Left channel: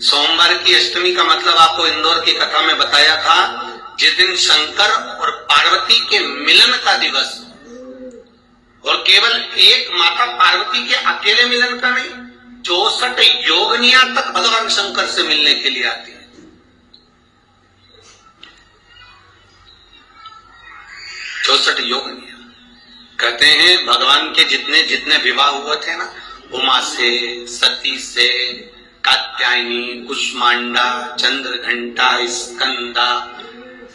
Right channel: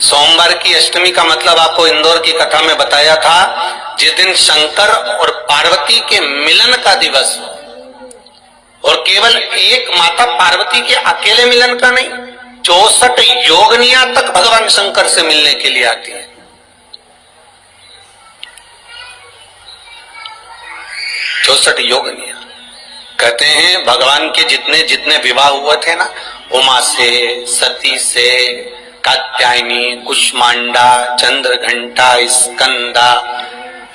सोमवार की अष्टमी का मतलब आपको इंदौर की कथा में बताया था, जिस दिन शंकर और पार्वती के मिलन का दिवस हो, और केवल एक माता पार्वती के अकेले मिलन का नहीं, 64 योगनिया तक भगवान शंकर से मिलने के लिए आती है। 64 योगनिया। कहते हैं भगवान के जितने जितने विवाह हुए थे ना, उमा से, सती से, कात्यायनी, कुष्मांडा, चंद्रघंटा, स्कंदा,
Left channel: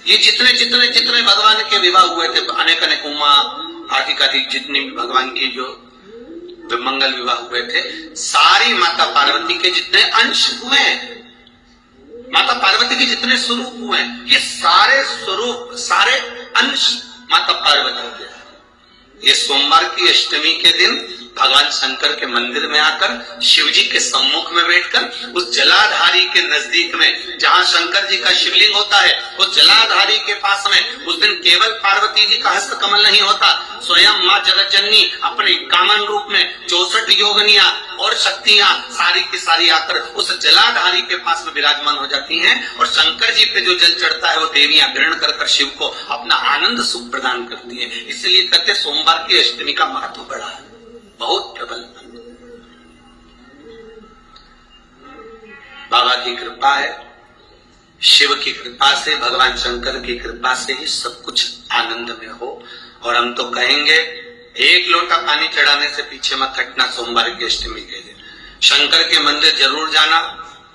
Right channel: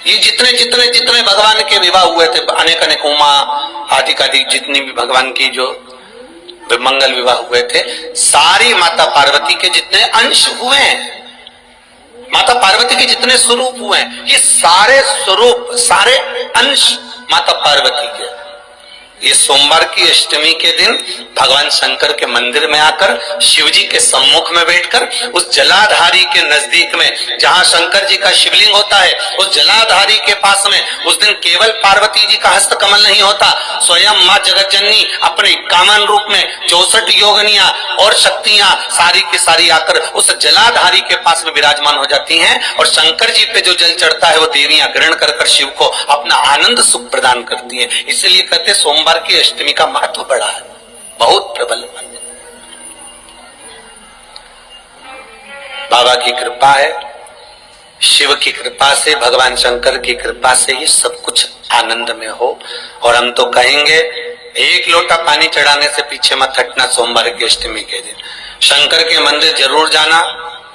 ये जितने जितने जितने भगवान के विवाह हुए थे, अनेक अनेक उमा आदि आदि जितनी भी भगवान की जो मंगल विवाह हुए थे, सारी माता पार्वती के जितने अंश हुए हैं, माता पार्वती के जितने स्वरूप हुए हैं, ये सारे स्वरूप, सारे अंश माता पार्वती के। ये सोमवार की अष्टमी के दिन भगवान शंकर के मंदिर में आकर शिव जी के सम्मुख में बैठकर उस जलाधारी के नजदीक में, जहां शंकर जी का शिवलिंग होता है, उस जलाधारी के पास में उस दिन केवल पार्वती जी का हस्त कमल नहीं होता, स्वयं मां जगतजननी अपने कामन रूप में 64 योगनिया और शक्तियां सारी की सारी आकर उस जलाधारी के पास में विराजमान हो जाती हैं, और शंकर जी पे जो जल चढ़ता है वो देवियां ग्रहण कर शिव को अपना आनंद सुख प्रदान करती है। इसलिए कहते सोमवार की अष्टमी का महत्व बड़ा है, बहुत प्रबल। बाबा की कृपा है, शिव की कृपा से, भगवान शंकर की कृपा से ये सब कुछ आनंद में हो। और हम तो कहेंगे एक लोटा पानी चढ़ाने से पीछे मत हटना। सोमवार की अष्टमी के दिन शंकर के मंदिर जरूर जाना,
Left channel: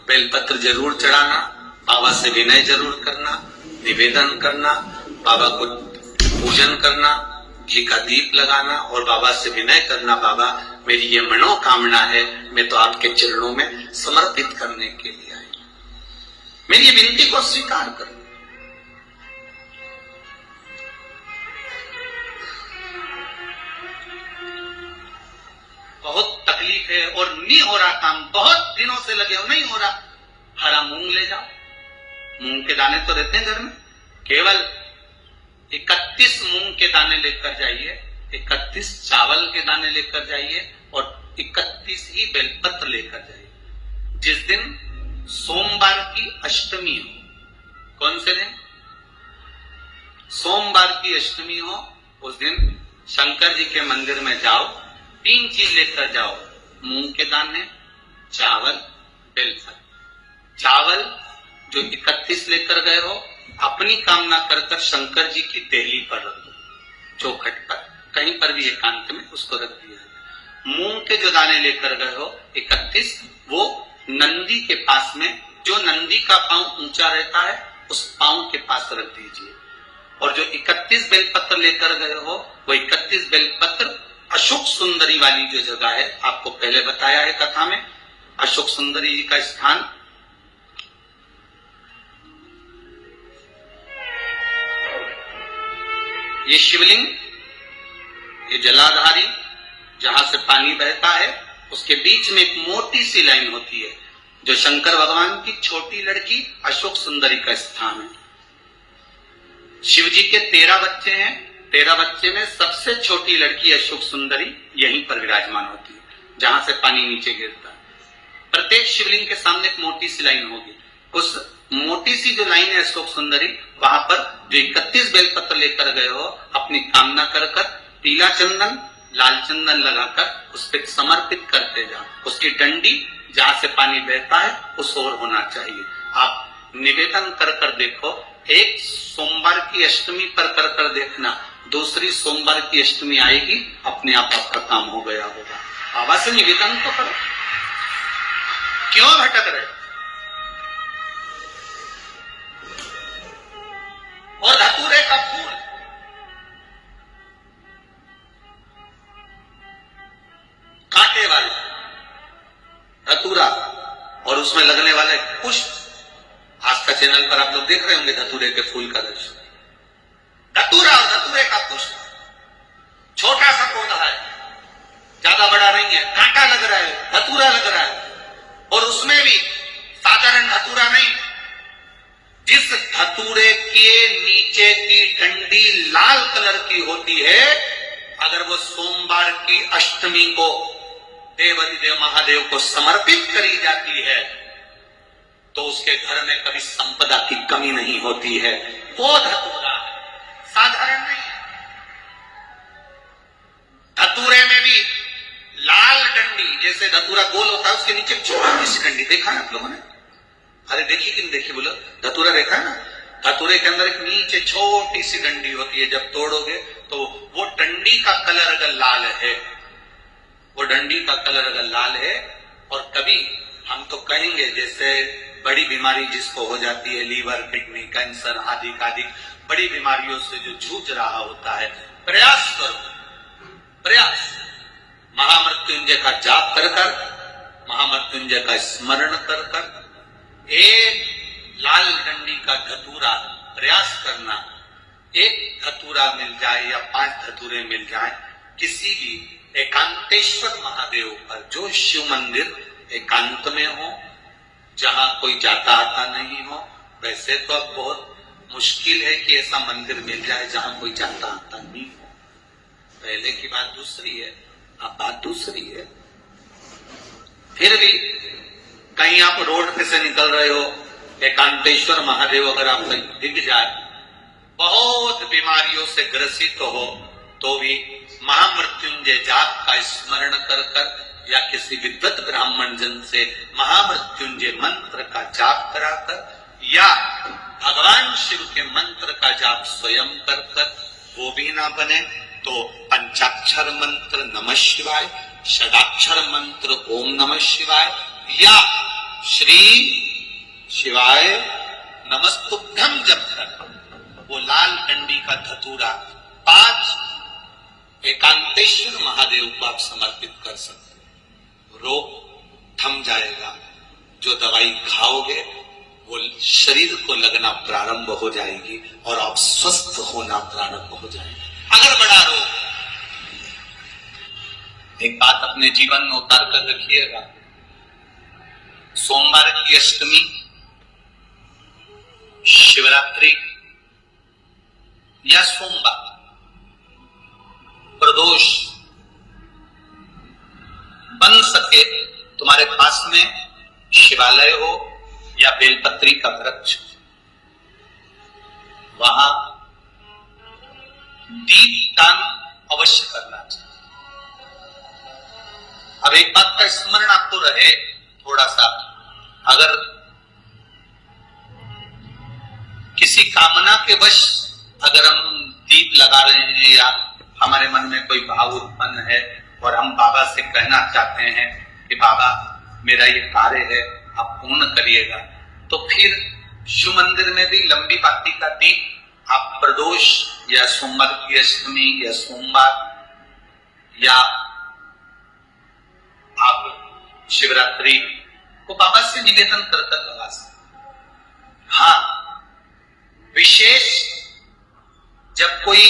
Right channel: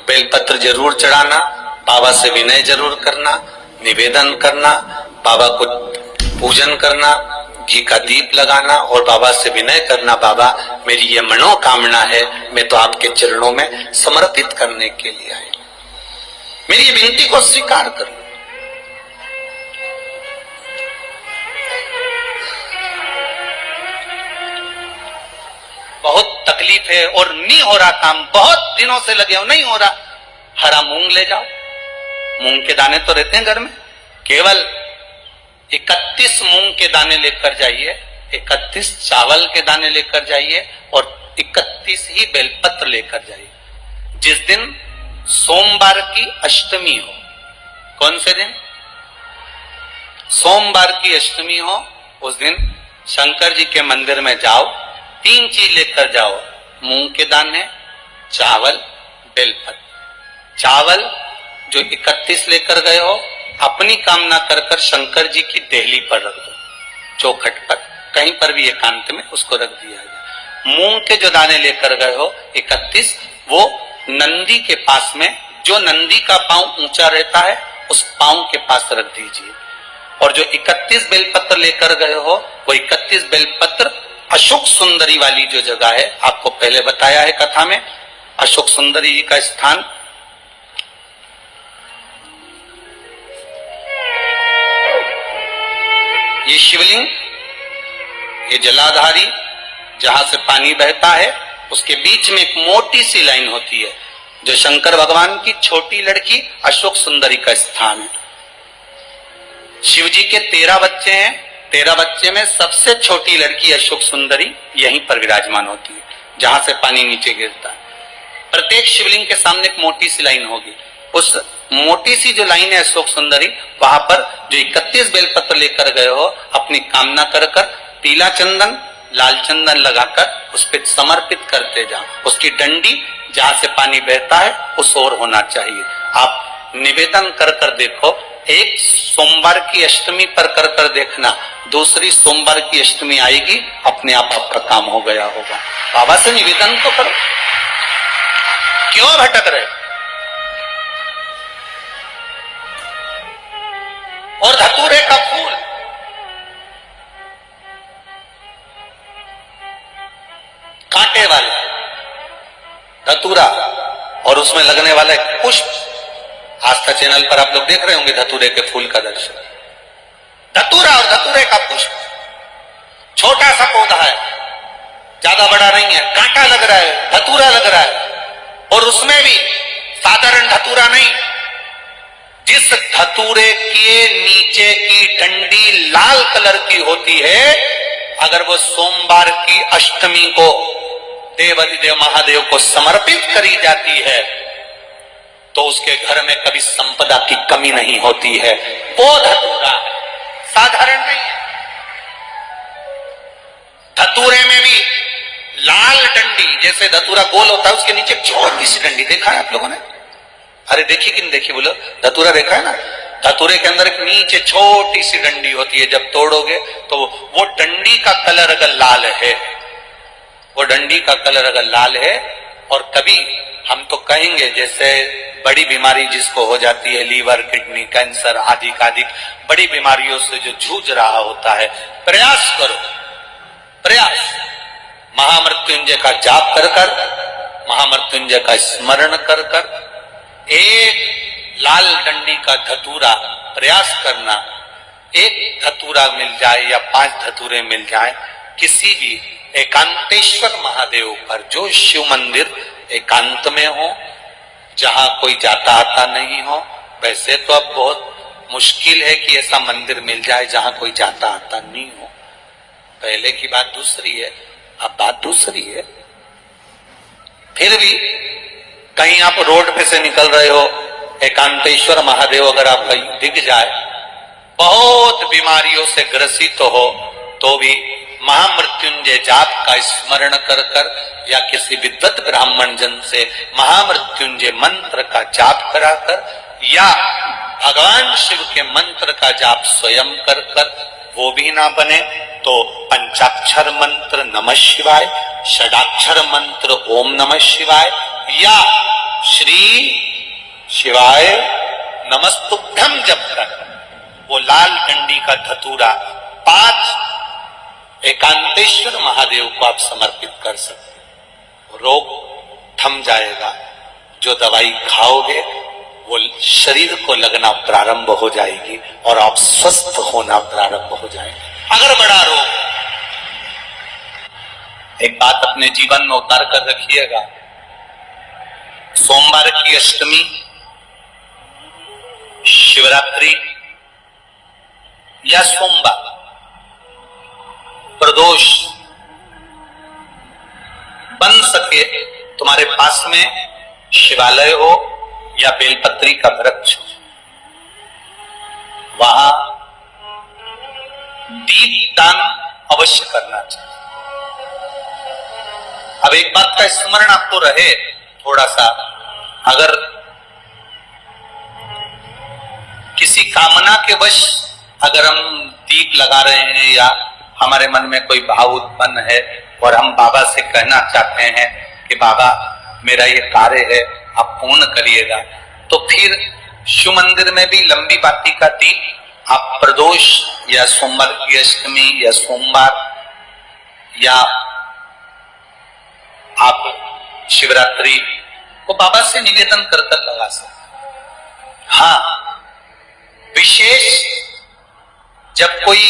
बेलपत्र जरूर चढ़ाना, बाबा से विनय जरूर करना, निवेदन करना, बाबा को पूजन करना, घी का दीप लगाना और बाबा से विनय करना, बाबा मेरी ये मनोकामना है, मैं तो आपके चरणों में समर्पित करने के लिए आया, मेरी विनती को स्वीकार करो। बहुत तकलीफ है और नहीं हो रहा काम, बहुत दिनों से लगे हो, नहीं हो रहा, हरा मूंग ले जाओ। मूंग के दाने तो रहते हैं घर में, केवल 31 मूंग के दाने लेकर जाइए, 31 चावल के दाने लेकर जाइए और 31 ही बेलपत्र लेकर जाइए। जिस दिन सोमवार की अष्टमी हो, कौन से दिन? सोमवार की अष्टमी हो, उस दिन शंकर जी के मंदिर में जाओ, 3 चीज लेकर जाओ, मूंग के दाने, चावल, बेलपत्र। चावल जो 31 लेकर गए हो, अपनी कामना कर कर शंकर जी की देहली पर रख दो, चौखट पर, कहीं पर भी एकांत में उसको रख दिया जाए। मूंग के जो दाने लेकर गए हो 31, वो नंदी के पास में, जो नंदी का पांव ऊंचा रहता है उस पांव के पास रख दीजिए। और जो 31 बेलपत्र लेकर गए हो, वो 31 बेलपत्र अशोक सुंदरी वाली जो जगह है, आपको पहले बताया है कथा में, अशोक सुंदरी जी का स्थान, ये शिवलिंग, ये जलाधारी जहां से पानी बहता है, उसके बीच में एक मोटी सी लाइन होती है, जो शंकर भगवान की छोटी लड़की अशोक सुंदरी का स्थान है। शिव जी के 13 बच्चे हैं, 13 बच्चे में सबसे छोटी लड़की अशोक सुंदरी यहीं पर विराजमान होती है, जहां से पानी नीचे गिरता है। प्रत्येक शिवलिंग के सामने एक मोटी सी लाइन होगी, उस मोटी सी जो लाइन है अशोक सुंदरी, वहां पर जो 31 बेलपत्र लेकर गए हो, अपनी कामना कर कर पीला चंदन, लाल चंदन लगाकर उस पर समर्पित करते जाओ। उसकी डंडी जहां से पानी बहता है उस ओर होना चाहिए। आप निवेदन कर कर देखो, एक सोमवार की अष्टमी पर कर कर देखना, दूसरी सोमवार की अष्टमी आएगी, अपने आप आपका काम हो गया होगा। बाबा से निवेदन तो करो, क्यों भटक रहे? और धतूरे का फूल, कांटे वाला धतूरा और उसमें लगने वाले पुष्प, आस्था चैनल पर आप लोग देख रहे होंगे धतूरे के फूल का दर्शन। धतूरा और धतूरे का पुष्प, छोटा सा पौधा है, ज्यादा बड़ा नहीं है, कांटा लग रहा है, धतूरा लग रहा है, और उसमें भी साधारण धतूरा नहीं, जिस धतूरे के नीचे की डंडी लाल कलर की होती है, अगर वो सोमवार की अष्टमी को देवाधिदेव महादेव को समर्पित करी जाती है, तो उसके घर में कभी संपदा की कमी नहीं होती है। वो धतूरा है, साधारण नहीं है। धतूरे में भी लाल डंडी, जैसे धतूरा गोल होता है उसके नीचे छोटी सी डंडी, देखा है आप लोगों ने? अरे देखी कि नहीं देखी बोलो? धतूरा देखा है ना? धतूरे के अंदर एक नीचे छोटी सी डंडी होती है, जब तोड़ोगे तो वो डंडी का कलर अगर लाल है, वो डंडी का कलर अगर लाल है, और कभी हम तो कहेंगे जैसे बड़ी बीमारी जिसको हो जाती है, लीवर, किडनी, कैंसर आदि आदि बड़ी बीमारियों से जो जूझ रहा होता है, प्रयास करो, प्रयास महामृत्युंजय का जाप कर कर, महामृत्युंजय का स्मरण कर कर, एक लाल डंडी का धतूरा प्रयास करना। एक धतूरा मिल जाए या 5 धतूरे मिल जाए किसी भी एकांतेश्वर महादेव पर, जो शिव मंदिर एकांत में हो, जहां कोई जाता आता नहीं हो। वैसे तो अब बहुत मुश्किल है कि ऐसा मंदिर मिल जाए जहां कोई जाता आता नहीं हो। पहले की बात दूसरी है, अब बात दूसरी है। फिर भी कहीं आप रोड पे से निकल रहे हो, एकांतेश्वर महादेव अगर आप कहीं दिख जाए, बहुत बीमारियों से ग्रसित हो, तो भी महामृत्युंजय जाप का स्मरण कर कर या किसी विद्वत ब्राह्मण जन से महामृत्युंजय मंत्र का जाप कराकर, या भगवान शिव के मंत्र का जाप स्वयं कर कर, वो भी ना बने तो पंचाक्षर मंत्र नमः शिवाय, षडाक्षर मंत्र ओम नमः शिवाय, या श्री शिवाय नमस्तुभ्यं जप कर वो लाल डंडी का धतूरा 5 एकांतेश्वर महादेव को आप समर्पित कर सकते। रोग थम जाएगा, जो दवाई खाओगे वो शरीर को लगना प्रारंभ हो जाएगी और आप स्वस्थ होना प्रारंभ हो जाएंगे। अगर बड़ा रोग, एक बात अपने जीवन में उतार कर रखिएगा, सोमवार की अष्टमी, शिवरात्रि या सोमवार, प्रदोष बन सके तुम्हारे पास में शिवालय हो या बेलपत्री का वृक्ष हो, वहां दीपदान अवश्य करना चाहिए। अब एक बात का स्मरण आपको रहे थोड़ा सा, अगर किसी कामना के वश अगर हम दीप लगा रहे हैं या हमारे मन में कोई भाव उत्पन्न है और हम बाबा से कहना चाहते हैं कि बाबा मेरा ये कार्य है आप पूर्ण करिएगा, तो फिर शिव मंदिर में भी लंबी बाती का दीप आप प्रदोष या सोमवार की अष्टमी या सोमवार या आप शिवरात्रि को बाबा से निवेदन कर कर लगा सकते। हाँ, विशेष जब कोई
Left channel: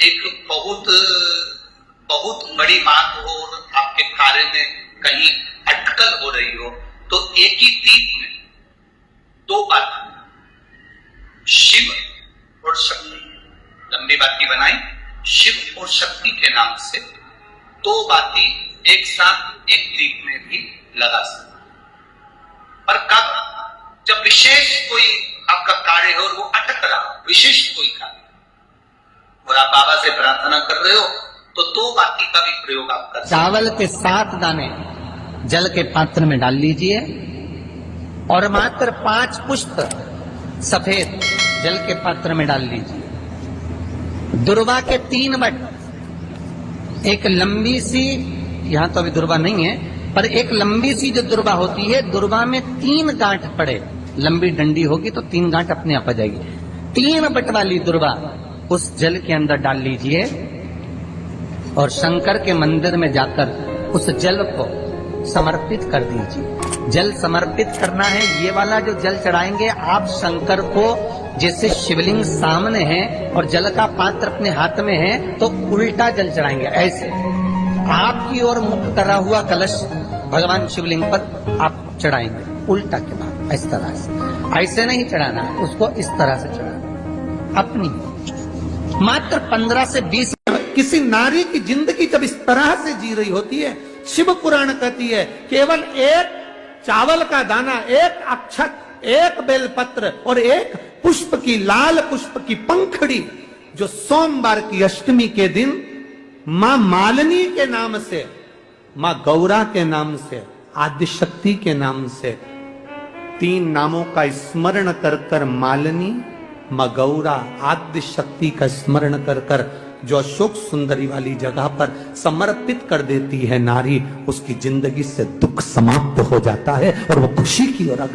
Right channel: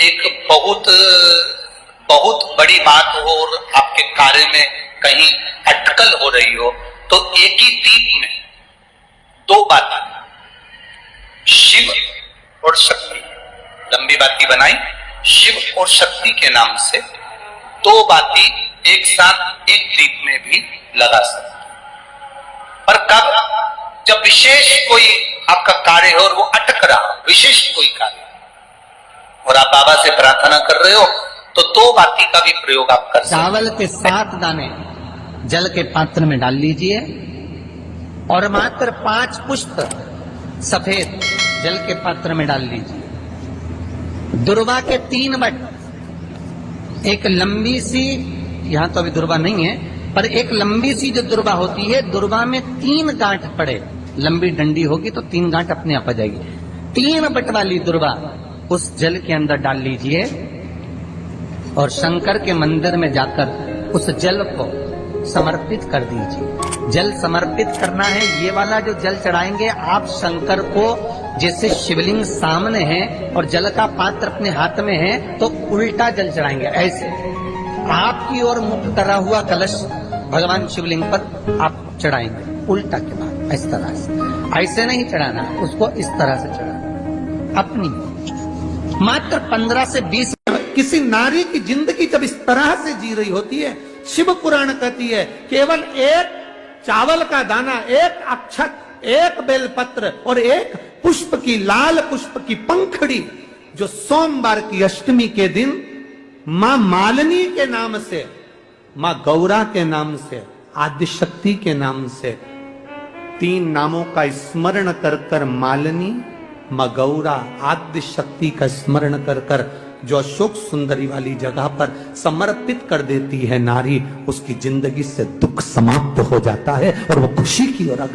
एक बहुत बड़ी बात हो और आपके कार्य में कहीं अटकल हो रही हो, तो एक ही दीप में 2 बातें, शिव और शक्ति, लंबी बाती बनाई, शिव और शक्ति के नाम से 2 बाती एक साथ एक दीप में भी लगा सकते। पर कब? जब विशेष कोई आपका कार्य हो और वो अटक रहा, विशेष कोई कार्य, और आप बाबा से प्रार्थना कर रहे हो, तो 2 बाती का भी प्रयोग आप कर सकते। चावल के 7 दाने जल के पात्र में डाल लीजिए और मात्र 5 पुष्प सफेद जल के पात्र में डाल लीजिए। दुर्वा के 3 बट, एक लंबी सी, यहां तो अभी दुर्वा नहीं है, पर एक लंबी सी जो दुर्वा होती है, दुर्वा में 3 गांठ पड़े, लंबी डंडी होगी तो 3 गांठ अपने आप आ जाएगी। 3 बट वाली दुर्वा उस जल के अंदर डाल लीजिए और शंकर के मंदिर में जाकर उस जल को समर्पित कर दीजिए। जल समर्पित करना है, ये वाला जो जल चढ़ाएंगे आप शंकर को, जैसे शिवलिंग सामने है और जल का पात्र अपने हाथ में है, तो उल्टा जल चढ़ाएंगे। ऐसे आपकी ओर मुख करा हुआ कलश भगवान शिवलिंग पर आप चढ़ाएंगे, उल्टा के बाद इस तरह से। ऐसे नहीं चढ़ाना, उसको इस तरह से चढ़ाना। अपनी मात्र 15 से 20 किसी नारी की जिंदगी जब इस तरह से जी रही होती है, शिव पुराण कहती है केवल एक चावल का दाना, एक अक्षत एक बेलपत्र और एक पुष्प की, लाल पुष्प की पंखड़ी, जो सोमवार की अष्टमी के दिन मां मालिनी के नाम से, मां गौरा के नाम से, आदिशक्ति के नाम से, 3 नामों का स्मरण कर कर मालिनी, मां गौरा, आदिशक्ति का स्मरण कर कर जो अशोक सुंदरी वाली जगह पर समर्पित कर देती है नारी, उसकी जिंदगी से दुख समाप्त हो जाता है और वो खुशी की ओर